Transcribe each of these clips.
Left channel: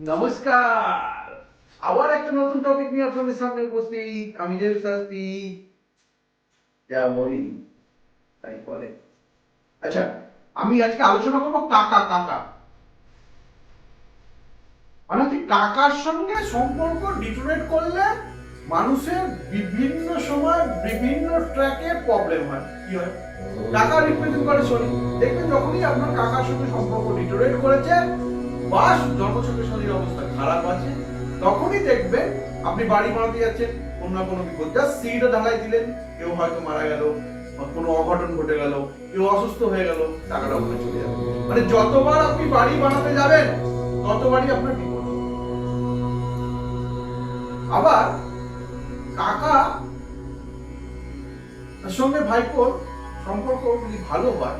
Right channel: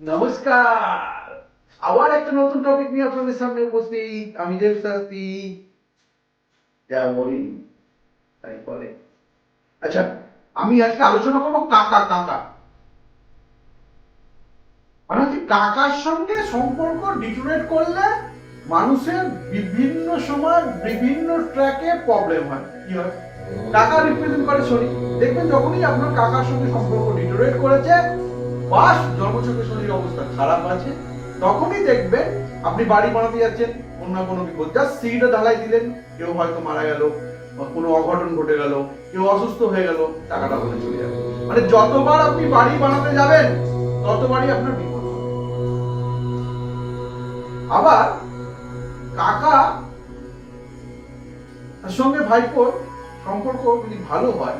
নমস্কার। আবার একটা নতুন টপিক নিয়ে আপনাদের সামনে উপস্থিত। আমি যে শাস্তি যা বলি, তাই বলে। আচ্ছা আমি আজকে আলোচনা করব কাকা কাকা মানে হচ্ছে কাকার সঙ্গে সম্পর্ক ডিটোরেট করলে মানুষের বিভিন্ন সময় বিভিন্ন ট্র্যাকে প্রবলেম হয়। কি হয়? কাকা রিপ্রেজেন্ট করে শনি দেখবেন যখনই আপনার কাকার সঙ্গে সম্পর্ক ডিটোরেট করেছে বা জন্মছকে শনির অবস্থা খারাপ আছে, তখনই দেখবেন আপনি বাড়ি বানাতে যাচ্ছেন না কোনো বিপদ। সিঁড়িটা ঢালাই দিলেন, কেউ হয়তো মারা গেল, বা কোনো অঘটন ঘটে গেল, কেউ অসুস্থ হয়ে গেল, টাকাটা ওখানে চলে যাবে। মানে যতবার আপনি বাড়ি বানাতে যাবেন, ততবারই আপনার বিপদ। আবার কাকা, তার সঙ্গে ভাইপোর সম্পর্ক যদি ভালো হয়,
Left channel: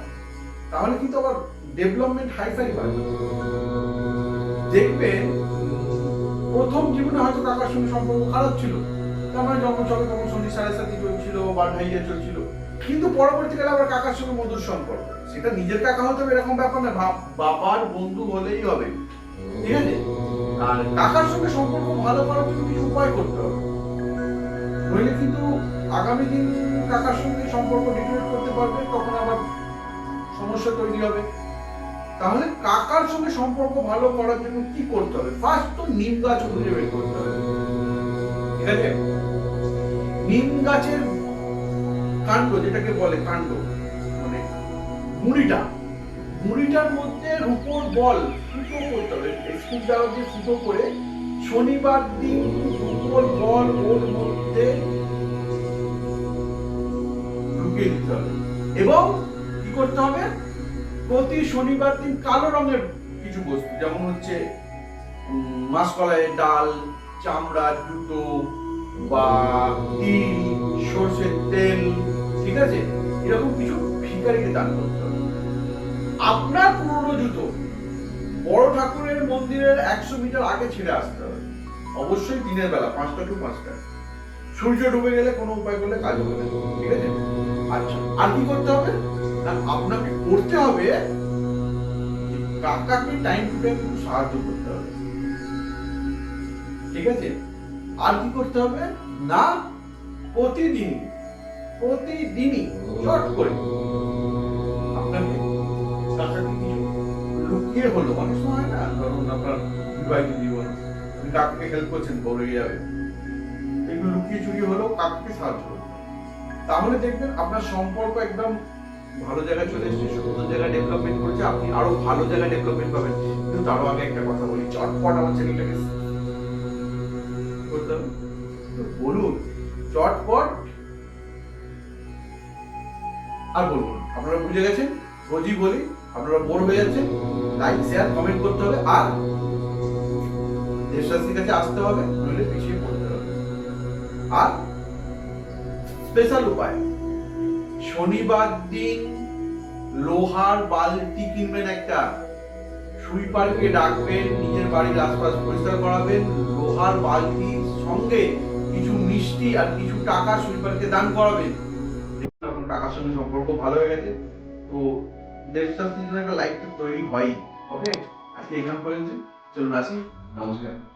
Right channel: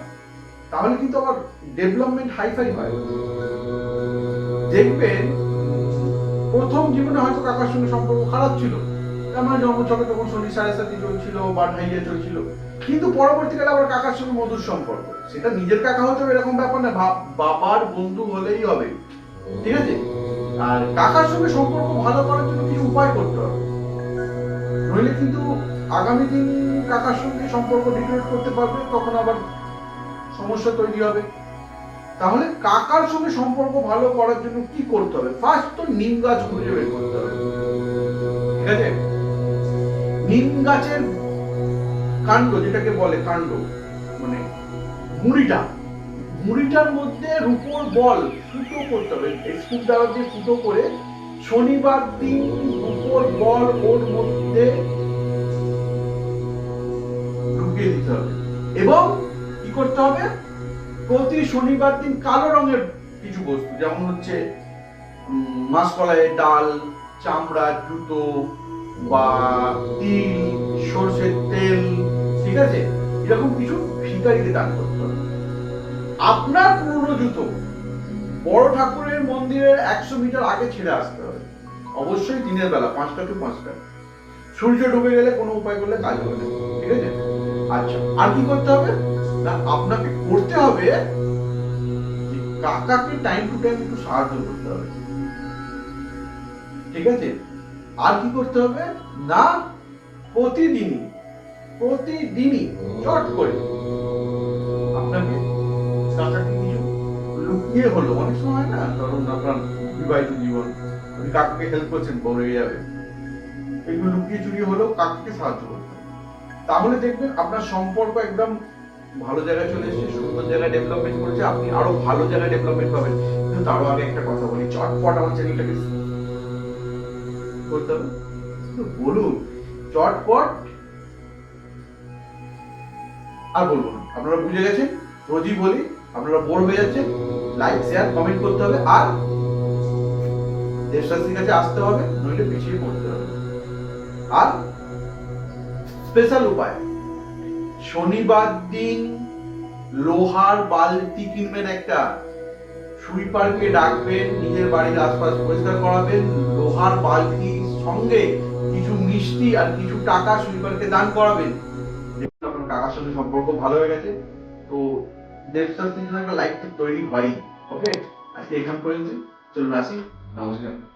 তাহলে কিন্তু আবার ডেভেলপমেন্ট হাইফাই হয়। দেখবেন প্রথম জীবনে হয়তো কাকার সঙ্গে সম্পর্ক খারাপ ছিল। আমার জন্মছকে তখন শনি সাড়ে সাথে চলছিল বা ঢাইয়া চলছিল। কিন্তু পরবর্তীকালে আবার কাকার সঙ্গে মধুর সম্পর্ক। সেটা নিজের কাকা হতে হবে এরকম ব্যাপার না বাবার বন্ধু হলেই হবে। ঠিক আছে? আর কাকার সঙ্গে সম্পর্ক ভালো করার জন্য কিছু উপায় করতে হবে। নইলে কিন্তু আগামী দিন কাকার সঙ্গে সম্পর্ক ডিটোরেট করতে পারবে, তখন আবার সমস্যা তৈরি হবে। তাহলে কাকার সঙ্গে সম্পর্ক ভালো করার জন্য কি করতে হবে? ফার্স্ট তো নিম গাছ খুঁজে বের করতে হবে। ঠিক আছে? নিম গাছের কাণ্ড, যেটাকে বলে কাণ্ড মানে মুড়িটা, মুড়িটার মধ্যে রূপোর বল ফুটো করতে হবে। স্কুপ দ্বারা দিয়ে ফুটো করে শনিবার দিন রূপোর বল ওর মধ্যে ঢুকিয়ে দিতে হবে। এবং কি করতে হবে? প্রতি শনিবার দিন কালো রঙের কিছু বস্তু, যেমন হচ্ছে মাসকলাইয়ের ডাল, চামড়া, জুতো বা তিল, সর্ষের তেল, ঠিক আছে? এরকম কিছু ভিকারিকে দান করতে হবে। আপনার পুরনো জুতো বড় ঠাকুরের মন্দিরের একশো মিটার আগে ছেড়ে আসতে হবে। অবশ্যই দিনের বেলা, পাঁচটা টু পাঁচটা। সূর্য ডুবে গেলে কোনো উপায় করলে কাজ হবে না, ঠিক আছে? আচ্ছা আর কি করতে হবে? না, আপনাকে করতে হবে কাকাকে টাইম টু টাইম একটু সাহায্য করতে হবে। ঠিক আছে? আর কি করতে হবে? না, প্রতিদিন, প্রতিদিনই, চট করে আপনাকে কাকাকে কিছু লুকিয়ে হলো। অনেক সময় না, ধরুন আপনার বিবাহিত জীবন, আপনি কাকাকে হেল্প করছেন বউ রেগে যাবে। এগুলো লুকিয়ে চুরিয়ে হলেও কাকাকে সাহায্য করতে তাহলে দেখবেন আপনার সম্পর্ক একদম ভালো জায়গায় চলে এসেছে, সুন্দর জায়গায় ডেভেলপমেন্ট করেছে, আপনি আরও ভালো জায়গায় ডেভেলপমেন্ট পাবেন। কিন্তু তারও আগে একটা কথা বলি, চটপট আমার চ্যানেলটাকে করতে হবে। বলুন, চটপট আর বলব না। আপনারা বুঝে গেছেন? রোজই বলি, আপনারা বোর হয়ে যাচ্ছেন। লাইক শেয়ার কমেন্ট করতে হবে। আর দেশরাশির কাছে আসতে হবে, নইলে পিছিয়ে পড়তে আর স্পেশাল উপায়। শনিবার দিন লোহার বালতি কিনবেন একটা, সুইপারকে ডাকবেন, নিজের বাড়ির আশপাশ পরিষ্কার করাবেন, লোহার বালতির সঙ্গে কিছু মিষ্টি আর কিছু টাকা সুইপারকে দান করাবেন। আপনার কাকার সঙ্গে সম্পর্ক ভালো হয়ে গেছে। তো দেবশাস্ত্রীর একটা লাইফ তৈরি হয়ই। ওকে আজকে এখান পর্যন্ত চলুন আসি। নমস্কার।